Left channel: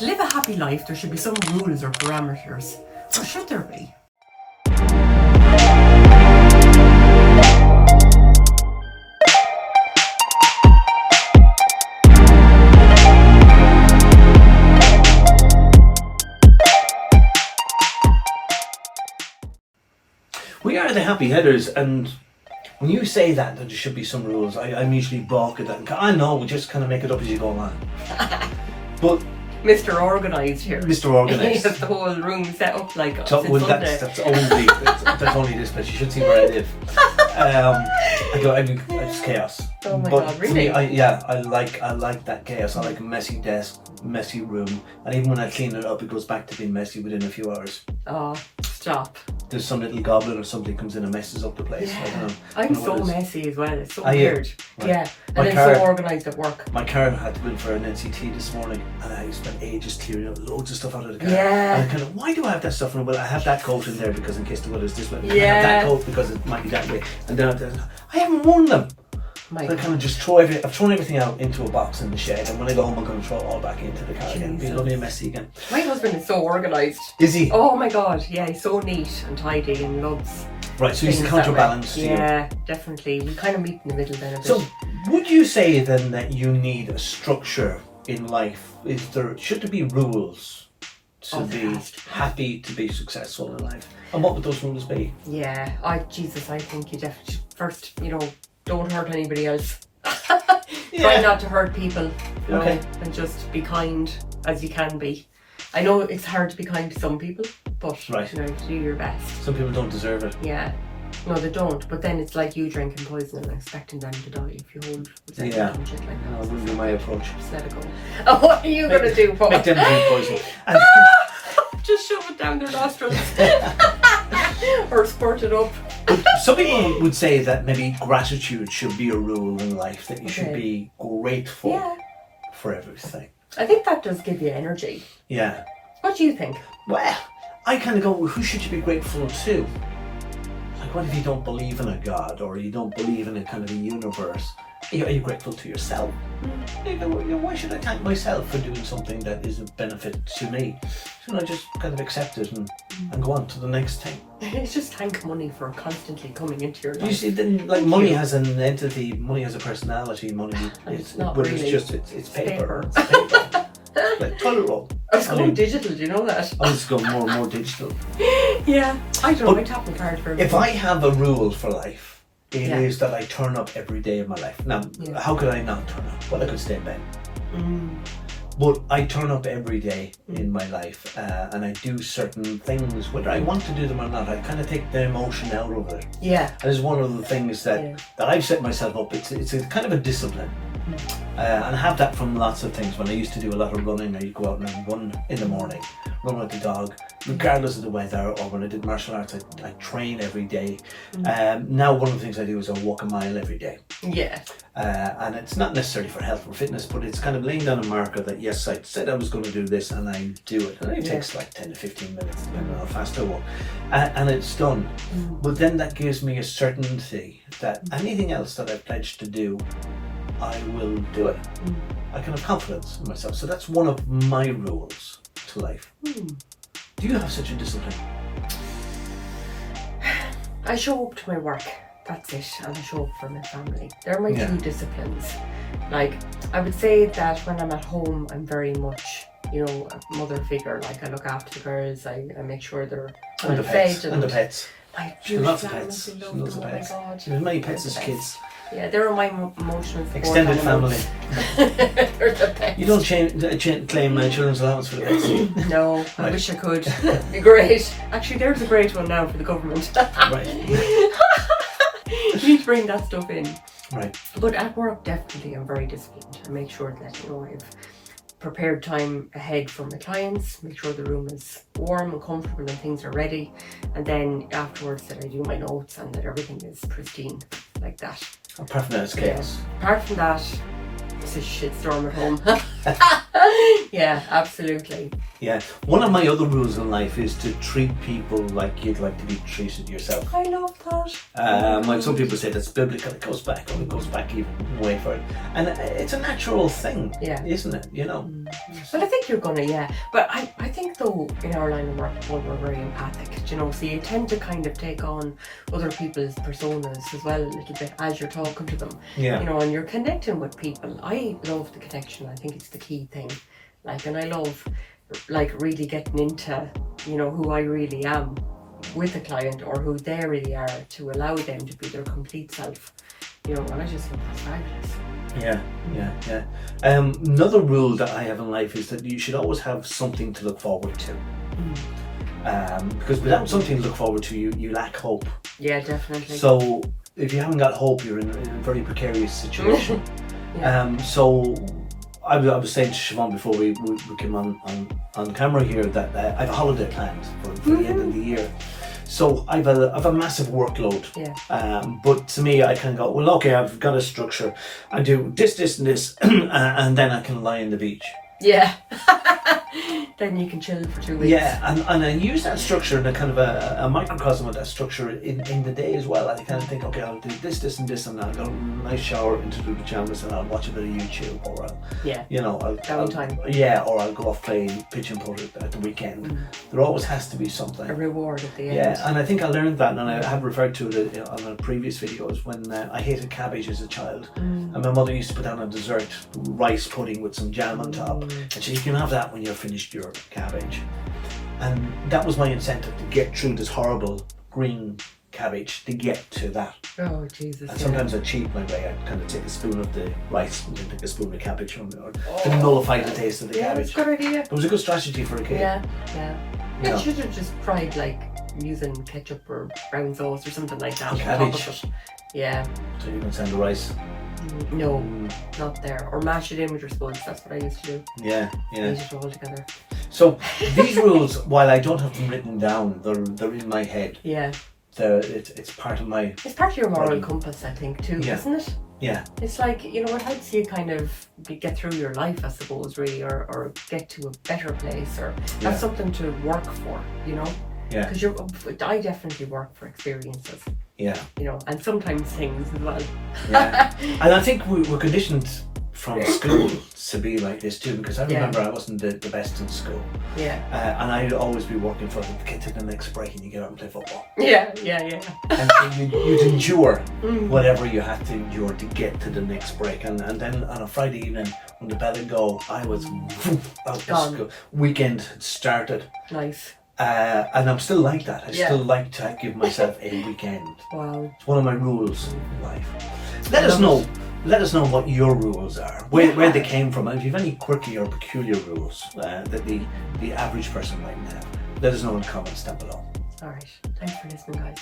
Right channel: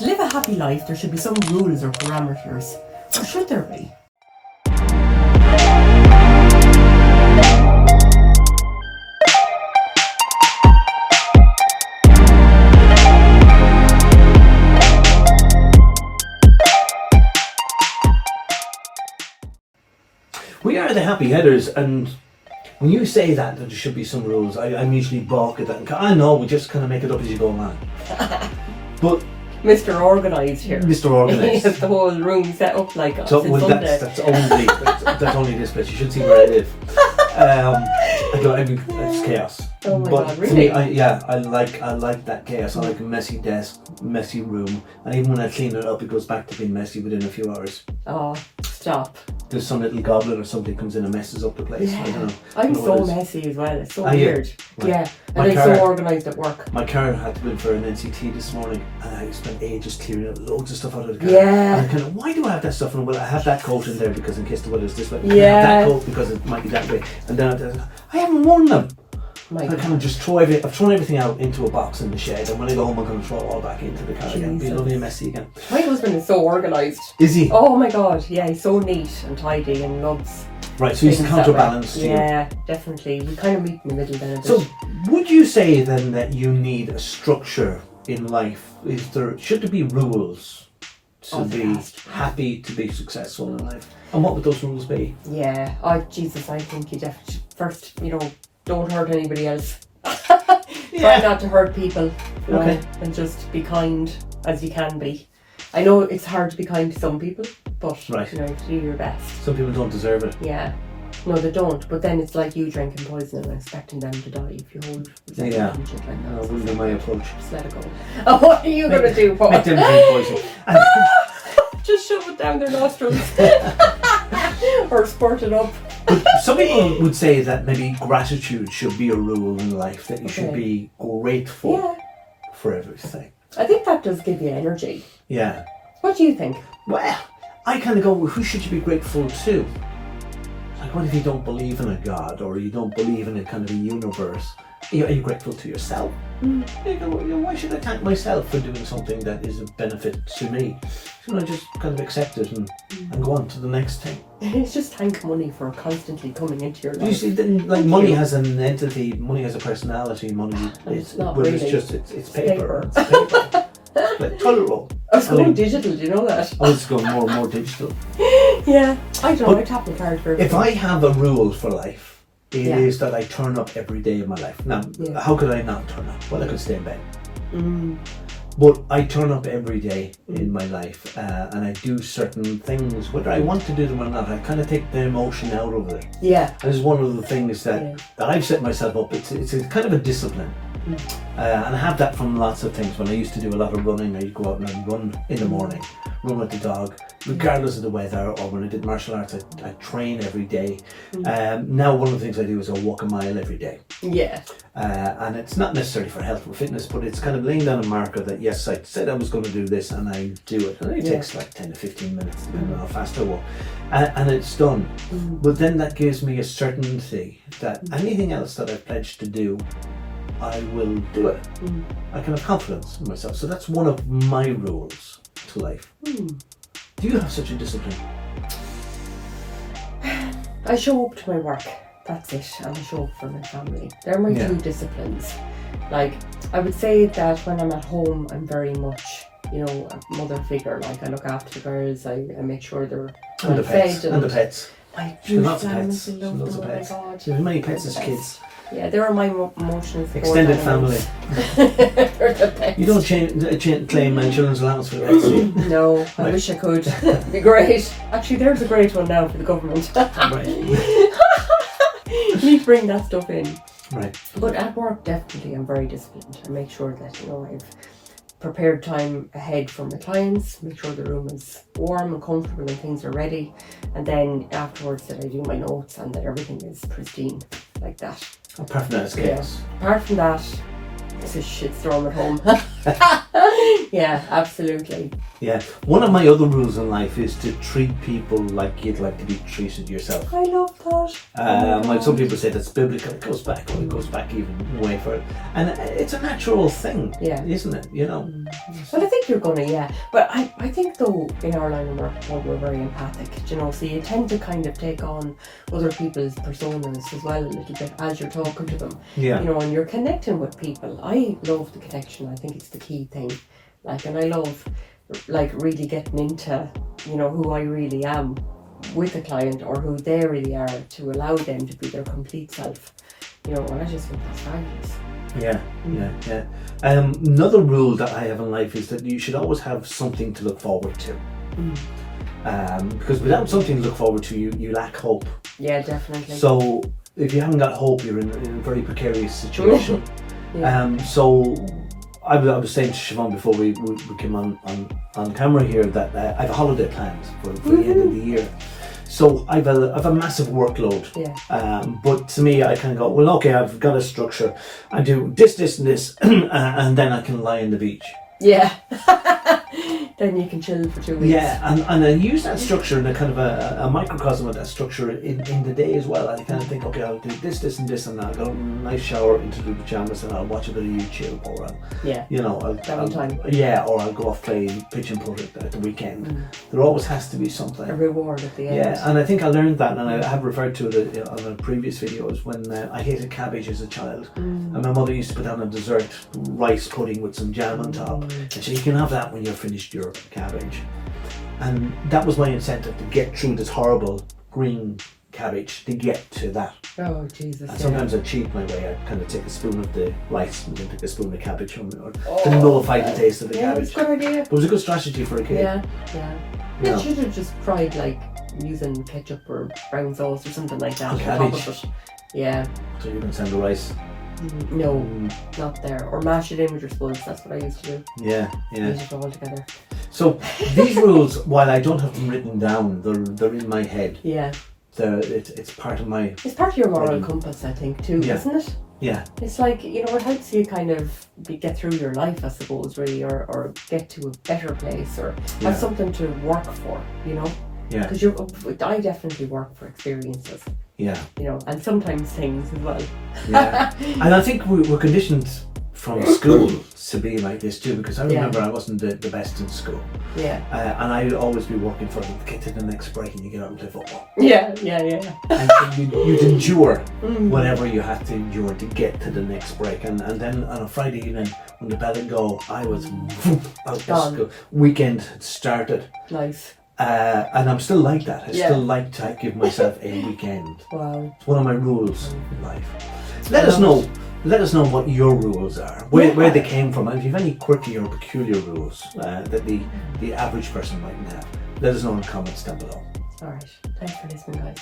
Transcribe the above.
To live a happy life, there should be some rules or parameters. Or should there be? We are the happy headers, and when you say that there should be some rules, I immediately balk at that. And I know, we just kind of make it up as you go along. But Mr. Organised here. Mr. Organised. He has the whole room set up like us. So, well, that's only this place. You should see where I live. It's chaos. Oh my but God, to really? me, I like that chaos. I like a messy desk, messy room, and even when I clean it up, it goes back to being messy within a few hours. Oh, stop. There's some little goblin or something comes in and messes up the place. Yeah. I don't know. I'm so messy as well. It's so Are you? weird. Right. Yeah. My And car- I'm so organised at work. My car had to go in for an NCT this morning, and I spent ages clearing out loads of stuff out of the car. Yeah. And I kind of, why do I have that stuff? And well, I have that coat in there because in case the weather's this way. Yeah. I have that coat because it might be that way. And then I haven't worn them. My I God. kind of just I've thrown everything out into a box in the shed, and when I go home, I'm going to throw it all back into the car again. Be Jesus. lovely and messy again. My husband is so organised. Is he? Oh my God, yeah, he's so neat and tidy and loves. Right, so he's the things that way. counterbalance to you. Yeah, definitely. We kind of meet in the middle then a bit. So, would you say then that you need a structure in life? Should there be rules to Oh, be there has to be. happy, to be successful in life? And what would those rules be? Yeah, Jesus, I think you definitely first, don't hurt anybody else. Try not to hurt people, Okay. and just be kind as you can be. I know it's hard to be kind to some people, but Right. do your best. Some people don't deserve it. Yeah. No, they don't. But then it's like you drinking poison and expecting them to die if you hold resentment Yeah. and shit like that. No, that wouldn't be my approach. Just let it go. Oh, what are you going to do, Paul? Make them drink poison. And Just shove it down their nostrils. Or squirt it up. some people would say that maybe gratitude should be a rule in life, that you should Okay. be grateful Yeah. for everything. I think that does give you energy. Yeah. What do you think? Well, I kind of go, well, who should you be grateful to? Like, what if you don't believe in a God, or you don't believe in a kind of a universe? Are you grateful to yourself? You go, well, why should I thank myself for doing something that is a benefit to me? Shouldn't I just kind of accept it and go on to the next thing? It's just thank money for constantly coming into your life. You see, then, like, money has an entity, money has a personality, money It's not but really. it's paper. paper. It's paper. It's like toilet roll. I was going digital, do you know that? I was going more and more digital. Yeah. I don't know, But I tap the card for If I have a rule for life, it Yeah. is that I turn up every day of my life. Now, Yeah. how could I not turn up? Well, I could stay in bed. Mm. But I turn up every day in my life, and I do certain things, whether I want to do them or not. I kind of take the emotion out of it. Yeah. That is one of the things that I've set myself up. It's a kind of a discipline. And I have that from lots of things. When I used to do a lot of running, I used to go out and I'd run in the morning, run with the dog, regardless of the weather. Or when I did martial arts, I train every day. Now one of the things I do is I walk a mile every day. Yeah. And it's not necessarily for health or fitness, but it's kind of laying down a marker that yes, I said I was going to do this and I do it. And it takes like 10 to 15 minutes depending on how fast I walk. And it's done. But then that gives me a certainty that anything else that I've pledged to do, I will do it. I can have confidence in myself. So that's one of my rules to life. Do you have such a discipline? I show up to my work. That's it. And I show up for my family. They're my two disciplines. Like, I would say that when I'm at home, I'm very much, a mother figure. Like, I look after the girls. I make sure they're And the fed. pets. And the pets. My She loves beautiful pets. animals, She I love loves the them. Oh my pets. God. She has many pets as kids. Yeah, they're my emotional support Extended family. animals. They're the best. You don't claim children's allowance for the pets, do you? No, I Right. wish I could. It'd be great. Actually, there's a great one now for the government. Right. You need to bring that stuff in. Right. But at work, definitely, I'm very disciplined. I make sure that, I've prepared time ahead for my clients, make sure the room is warm and comfortable and things are ready. And then afterwards that I do my notes and that everything is pristine like that. Apart from that, it's chaos. Apart from that, it's a shitstorm at home. Yeah. absolutely. Yeah. One of my other rules in life is to treat people like you'd like to be treated yourself. I love that. Like some people say that's biblical, it goes back even way further. And it's a natural thing, isn't it? You know? But I think you're gonna, but I think though in our line of work we're very empathic, you know, so you tend to kind of take on other people's personas as well a little bit as you're talking to them. Yeah. You know, and you're connecting with people. I love the connection. I think it's the key thing. Like, and I love like really getting into, you know, who I really am with a client or who they really are, to allow them to be their complete self. You know, and I just think that's fabulous. Yeah. Another rule that I have in life is that you should always have something to look forward to. Because without something to look forward to, you lack hope. Yeah, definitely. So if you haven't got hope, you're in a very precarious situation. So I was saying to Siobhan before we came on camera here that I have a holiday planned for the end of the year. So I've a massive workload. But to me, I can go, well, okay, I've got a structure. I do this, and this, and then I can lie on the beach. Yeah. Then you can chill for 2 weeks. Yeah, and I use that structure in a kind of a microcosm of that structure in the day as well. I kind of think, okay, I'll do this, and this, and I'll go a nice shower into the pajamas, and I'll watch a bit of YouTube, or I'll go off play pitch and putt at the weekend. There always has to be something. A reward at the end. Yeah, and I think I learned that, and I have referred to it on a previous videos when I hated cabbage as a child, and my mother used to put down a dessert rice pudding with some jam on top, and she said, you can have that when you're finished your cabbage. And that was my incentive to get through this horrible green cabbage, to get to that. Oh Jesus! And sometimes I cheat my way. I kind of take a spoon of the rice and then take a spoon of cabbage from it, or to nullify the taste of the cabbage. It's a good idea. But it was a good strategy for a kid. You should have just tried like using ketchup or brown sauce or something like that. On cabbage. Yeah. So you can send the rice. No, not there. Or mash it in with your sponge. That's what I used to do. Yeah. Use it all together. So these rules, while I don't have them written down, they're in my head. Yeah. It's part of my... It's part of your moral compass, I think, too, isn't it? Yeah. It's like, you know, it helps you kind of get through your life, I suppose, really, or get to a better place, or have something to work for, you know? Yeah. Because I definitely work for experiences. Yeah. You know, and sometimes things as well. Yeah. And I think we're conditioned from school to be like this too, because I remember I wasn't the best in school. Yeah. And I'd always be working for get to the next break and you get out and play football. Yeah. And so you'd endure whatever you had to endure to get to the next break. And then on a Friday evening, when the bell would go, I was out of school. Weekend had started. Nice. And I'm still like that. I still like to give myself a weekend. Wow. It's one of my rules in life. Let us know what your rules are, where they came from, and if you have any quirky or peculiar rules that the average person mightn't have. Let us know in the comments down below. Alright, thanks for listening, guys.